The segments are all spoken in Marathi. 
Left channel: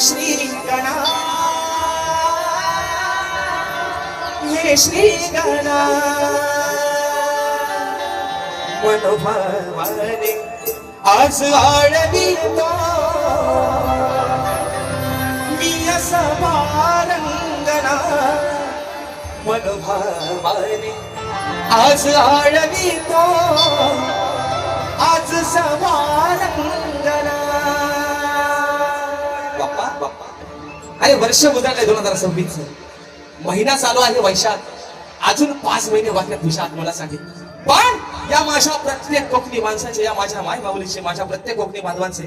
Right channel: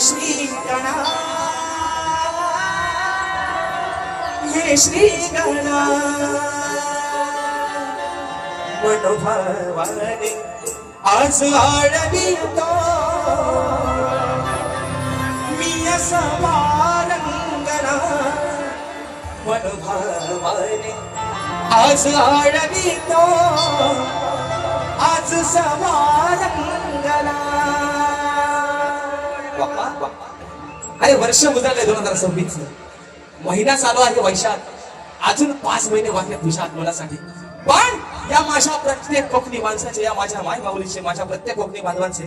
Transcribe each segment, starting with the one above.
श्री गणा हे श्री गणा मनोभावाने आज आडवितो मी असा पारंगणा मनोभावाने आज आडवितो आज समारंगणा. अरे वर्ष उजाडलंय 2026 महिना चालू आहे वैशाख. अजून 5 महिने वाटले तुझ्या आत्मलासाठी. पण या माझ्या प्रत्येक कोकणी माणसाचे, या माझ्या माय माऊलीचे, माझ्या प्रत्येक कोकणी बांधवांचे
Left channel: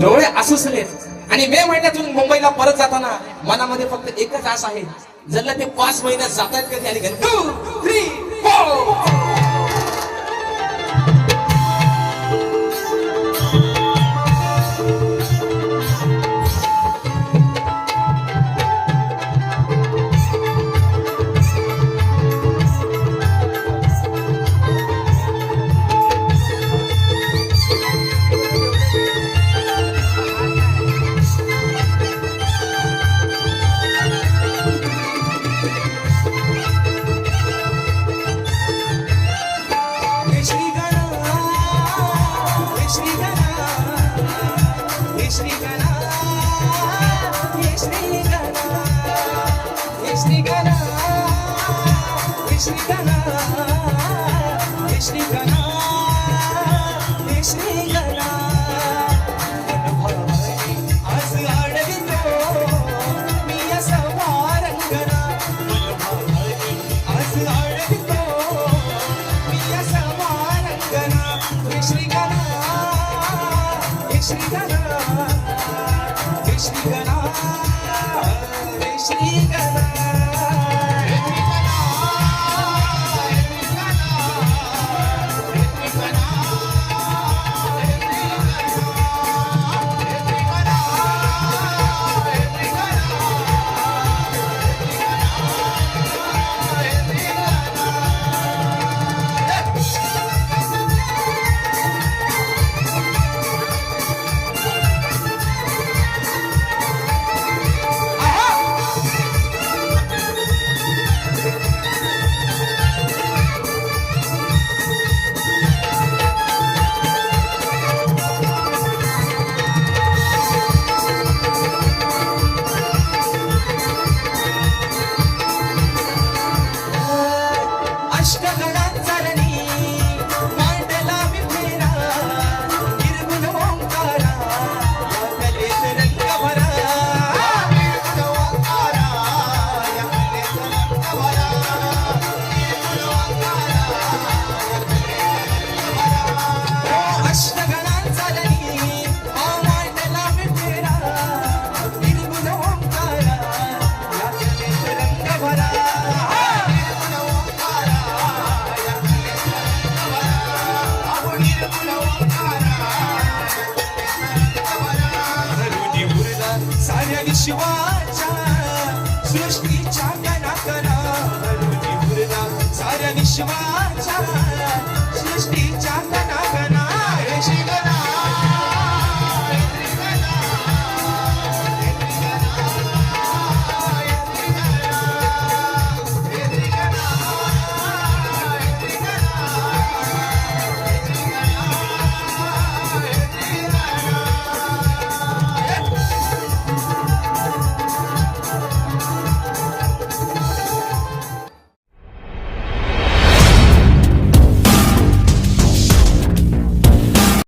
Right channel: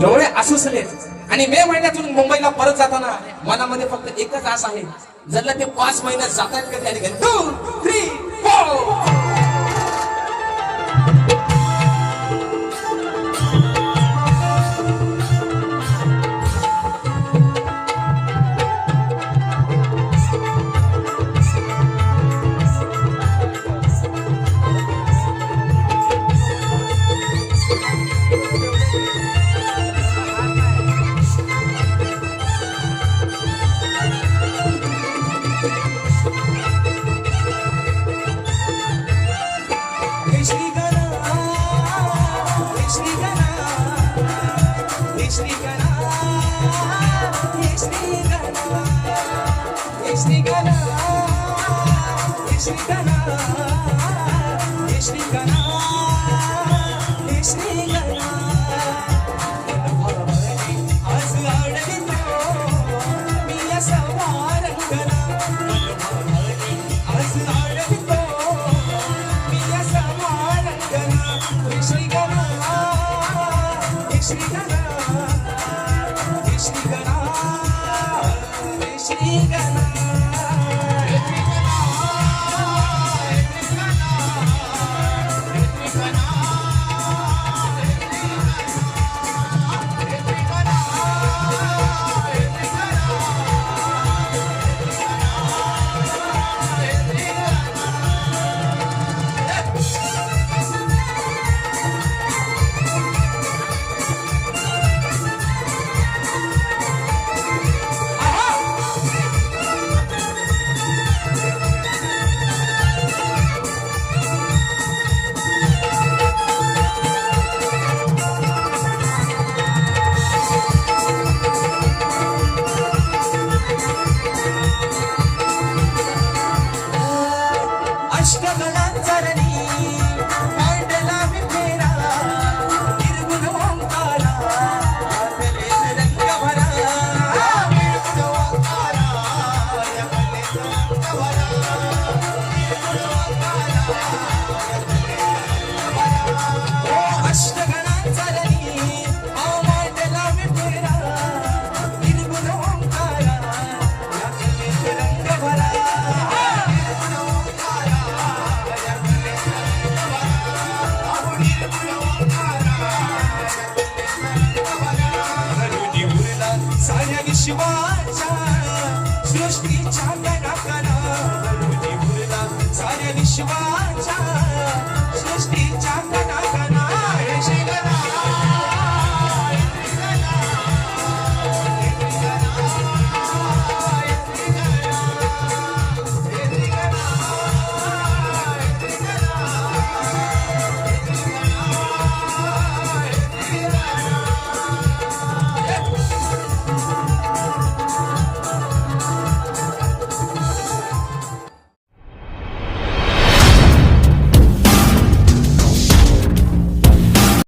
डोळे आसुसलेत. आणि मे महिन्यातून मुंबईला परत जाताना मनामध्ये फक्त एकच आस आहे, जर ते 5 महिन्यात जातात कधी आणि 2, 3, 4. शिवाच्या सृष्टीच्या कणा कणा साऱ्या विश्वाच्या